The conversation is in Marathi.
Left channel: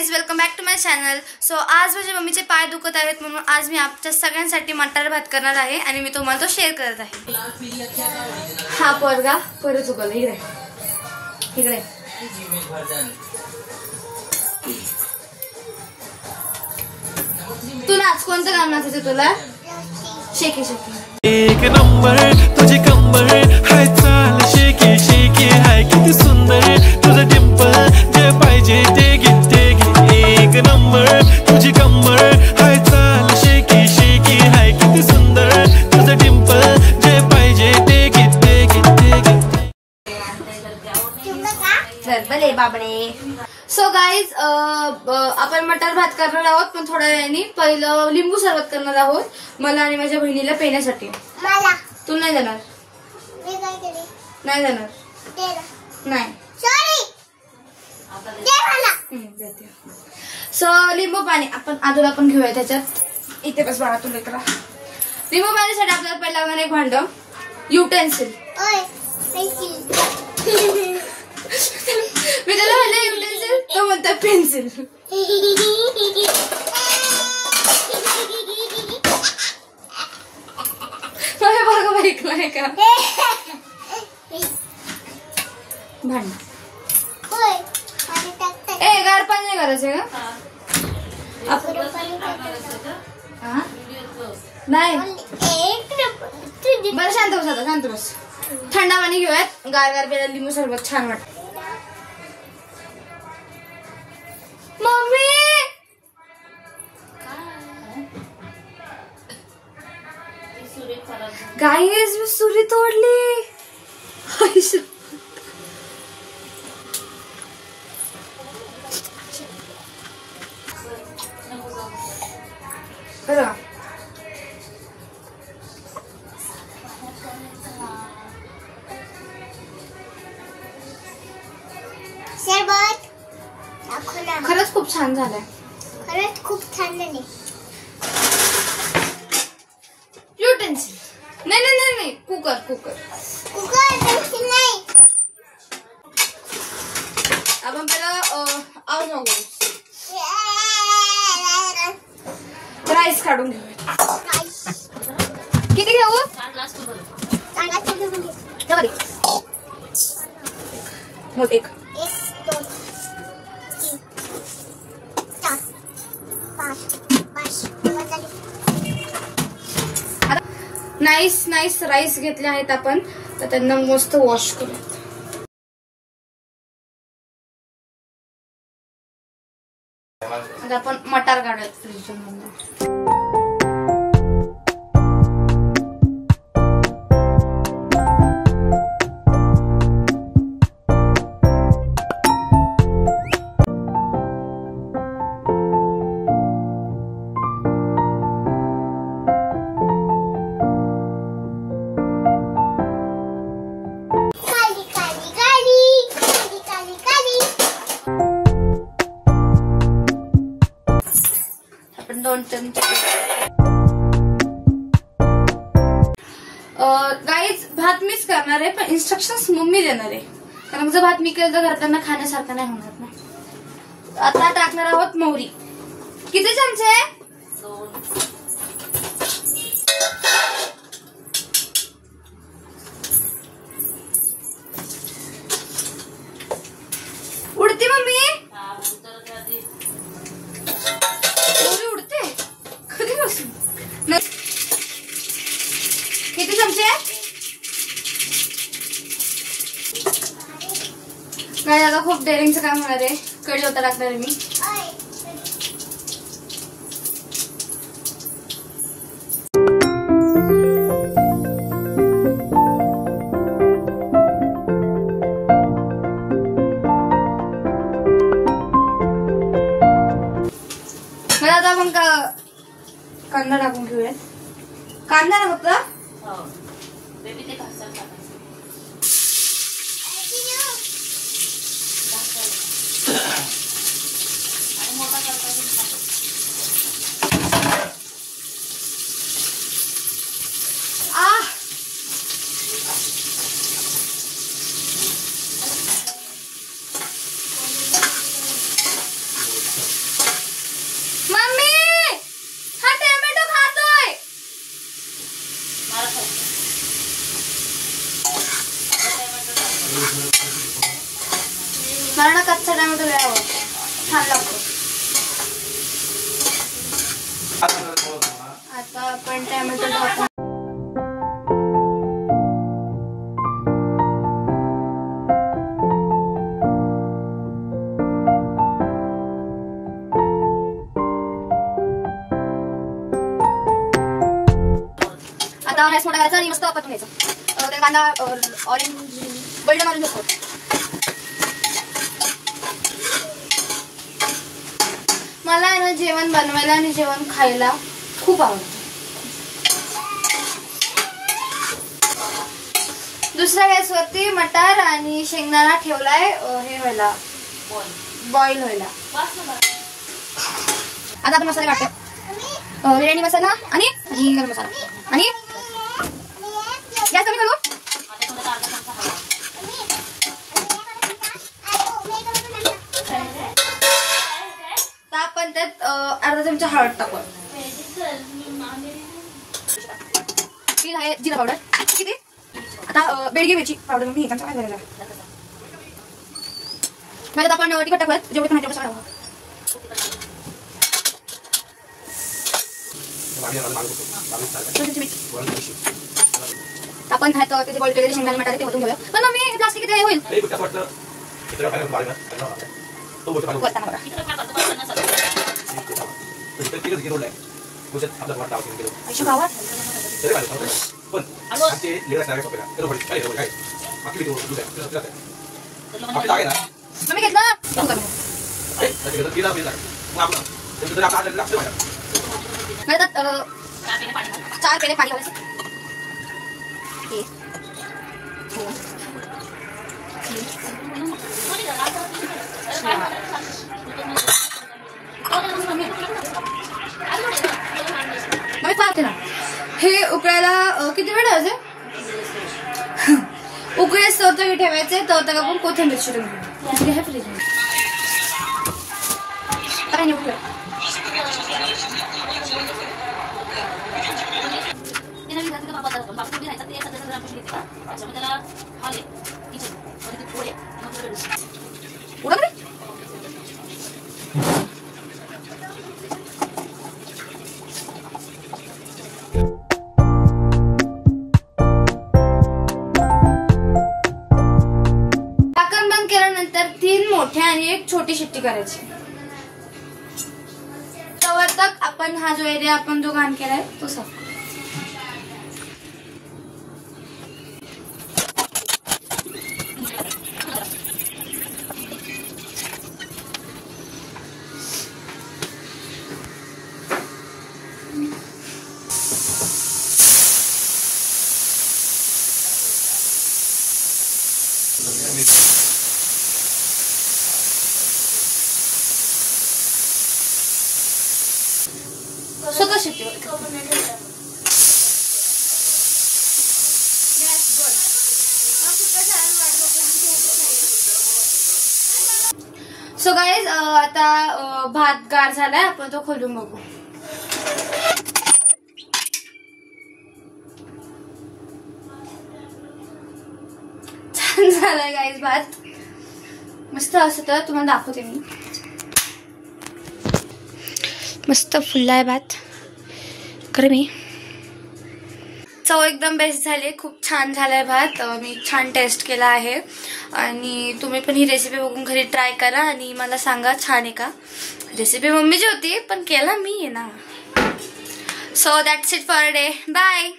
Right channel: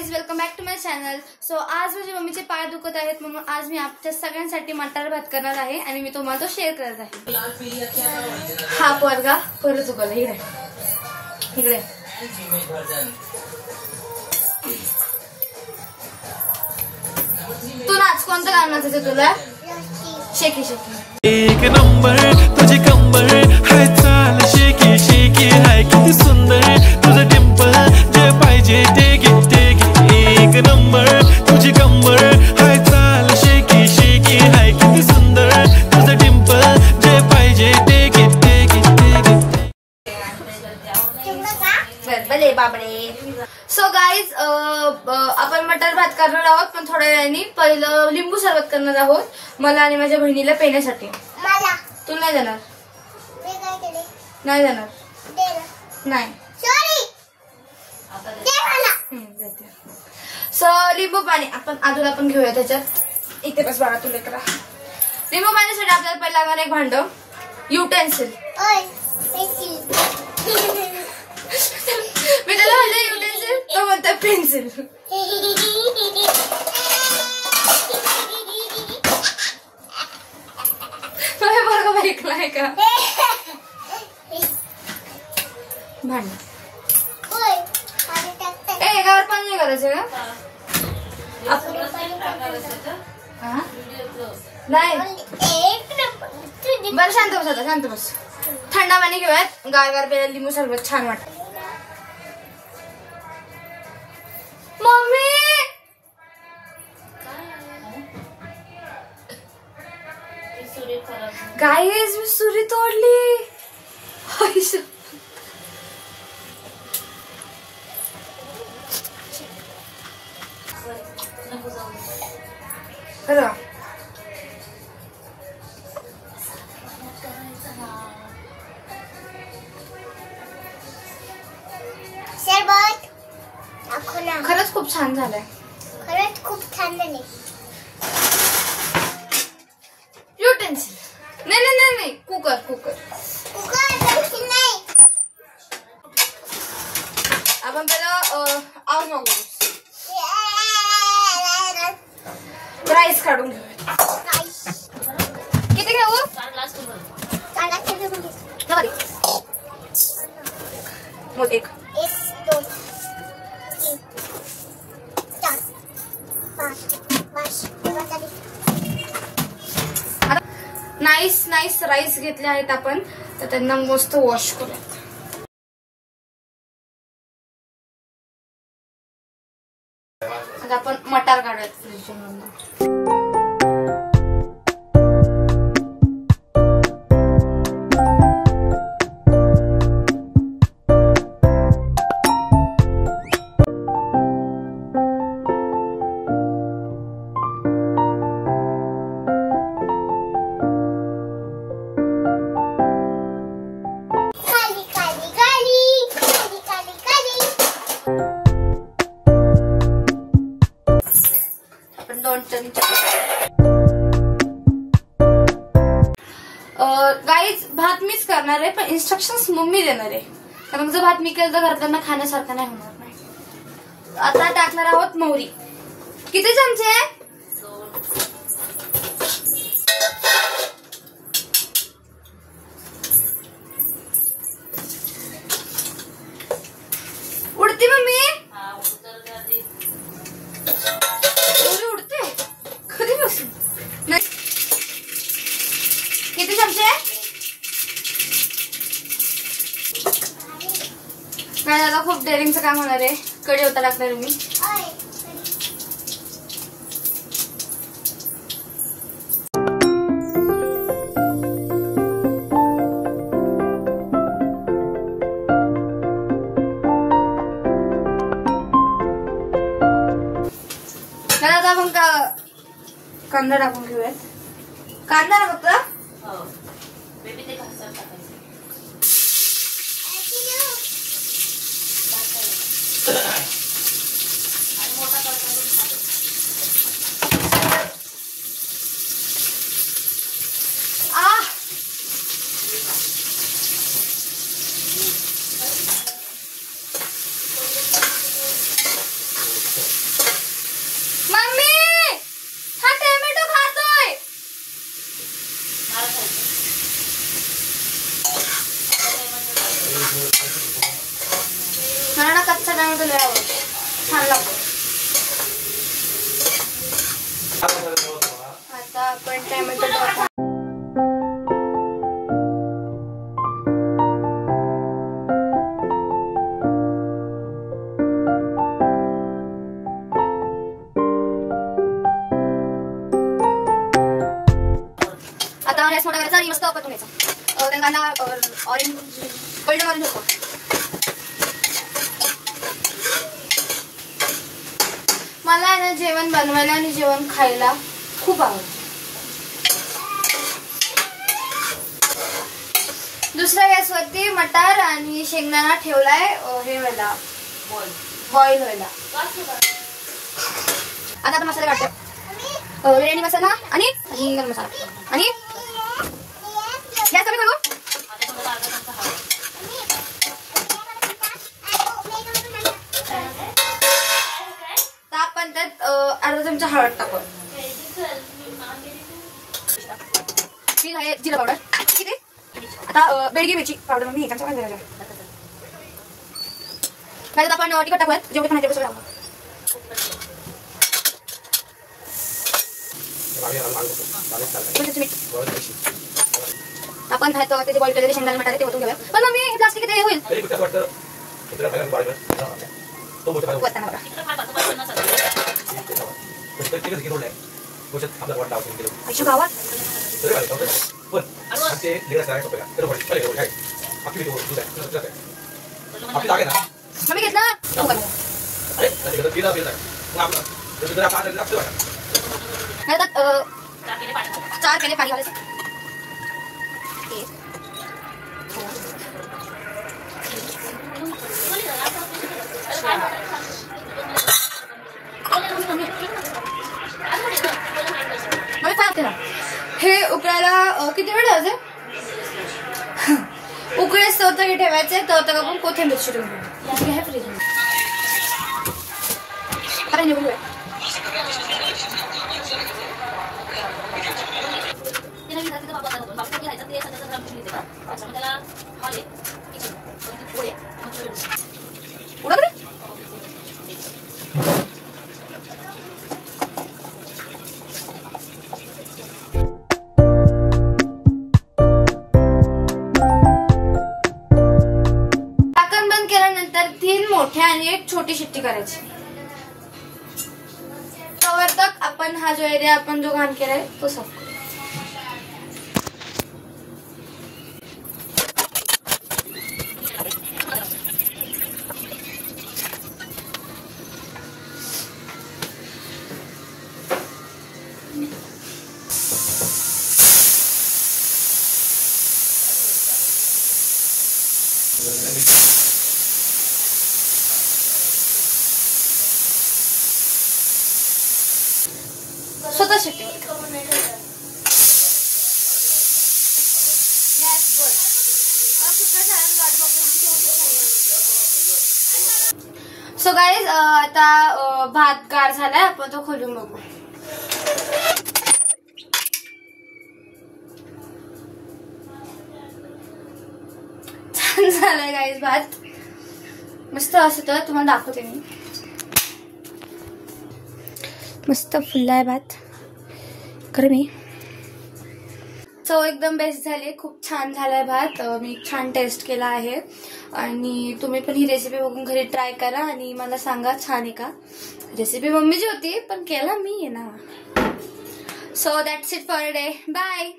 Guys, welcome back to my channel. So आज माझ्या मम्मीचे पाय दुखत आहेत म्हणून आज मी आपल्या सगळ्यांसाठी मटार भात करणार आहे आणि मी तुम्हाला तो शेअर करत आहे। हा पोरगा परत चुकवला, इकडे तू नाच, कोणतं गाणं नाचायचं तुला? शेकी शेकी एक नंबर तुझी कंबर हाय, चाल शेकी शेकी हाय, किती सुंदर तुझं डिंपल, जे पाहिजे ते घे ते घे। एक नंबर तुझी कंबर हाय, चाल शेकी शेकी हाय, किती सुंदर तुझं डिंपल, जे पाहिजे ते घे ते घे ते घे। बरबले बाबडे। सो गाईज, आपण मटार भात करणार आहोत, पण थोड्या वेळाने पहिलं लिंबू सरबत करणार आहोत मला आणि माझ्या बहिणीला पिण्यासाठी। तू नाही जाणार? नाही जाणार? नाही। सो लिंबू पाणी आपण आदूला पण घेऊया त्याच्यात। इथे बस बाळा, तू लेकरा। लिंबू पाण्यासाठी आपल्याला पहिला लागणार एक भांड, युटेन्सिल। मी त्याला म्हणलं युटेन्सिल, तो म्हणतो पेन्सिल। बघा ऐकलाय का भांड? ए गार पाणी नाही करायचं ना? नाही बरं, शांत बस आता, शांत बस। थंड पाणी घेऊयात, गार गार प्यायला लिंबू सरबत छान वाटत। मम्मी गाईज, मी सुरी तोडली। खरं खरंच खूप छान झालंय, खरंच खूप छान झाले। युटेन्सिल नाही नाही नाही नाही, कुकर कुकर कुकर नाही। आपण पहिला राईस काढून घेऊया। किती घेऊ? मग एक नाईस नाईस राईस घेतले आहेत आपण, तर त्यांना मस्त वॉश करूयात। आता आपण मटार काढूयात फ्रीजमधून। गाईज, भात मीच करणार आहे, पण इन्स्ट्रक्शन्स मम्मी देणार आहे, कारण जर भात मी केलं तर घरच्यांना खाण्यासारखं नाही होणार नाही। आता टाकणार आहोत मोहरी। किती चमचे? उडते मम्मी? उडते कधीपासून? किती चमचे? काय आता खूप डेअरिंगचं काम होणार आहे। कढीपत्ता टाकणार मी। आता आपण कांदा टाकून घेऊया। कांदा ना फक्त आता आपण टॅमॅटो टाकू. आता राईस मोठा करायचा आणि मस्त परतून घ्यायचा. त्या कांदा ऑरेंज गोल्डन ऑरेंज असतो. मला आहे ना जेवण बनवायला आणि जेवण खायला खूप आवडतं. दुसऱ्या गॅसवरती मटार आणि शेंगदाणा ठेवलाय हे व्हायला बॉईल व्हायला. आता आपण मसाले काढतो. बिर्याणी मसाला आणि गरम मसाला आणि गॅस कमी करू. आपण त्यात अर्धा चमचा हळद टाकू. ही आहे जिरा पावडर. किती आता बेडगी मिरची पावडर मी त्याचा काय करायला त्यात आपण तिखट टाकूयात. जेवढे खाणे तेवढं सगळं टाकू. आपण त्याचे बॉईल केलेले शेंगदाणे मटारे ते ओतून घेऊया. पण मग मी प्लास्टिक किती होईल. मम्मी घेतलं 4 पेले पाणी घालायचं. हे उकळायला किती वेळ ठेवायचे. उकळे सौतकी ठेवायचे. तर आपण कोथिंबीर चिरून घेऊ. फ्रीज काय नाही बघूया. ढाकण बंद केल्यानंतर 3 मोठ्या आणि 1 छोटी शिट्टी करायची. तोवर तक आपण हा जो एरिया आपण जो घाण केलाय तो साफ करू. स्वतः शिट्टी सो गाईज आता भात गार झालाय. आपण तो खोलून बघू. छान झालाय गाईज भात. मस्त असं तर तुम्हाला दाखवते मी. मस्त फुललाय भात खरं मी. चव एकदम बेस्ट झाली. खूप छान झालाय भात. मी छान टेस्ट केला आहे आणि तुम्ही पण ही रेसिपी बघून घरी ट्राय करा आणि मला सांगा छान आहे का. रेसिपी मम्मीची होती पण केला मी आहे ना. So that's it for a day. Bye.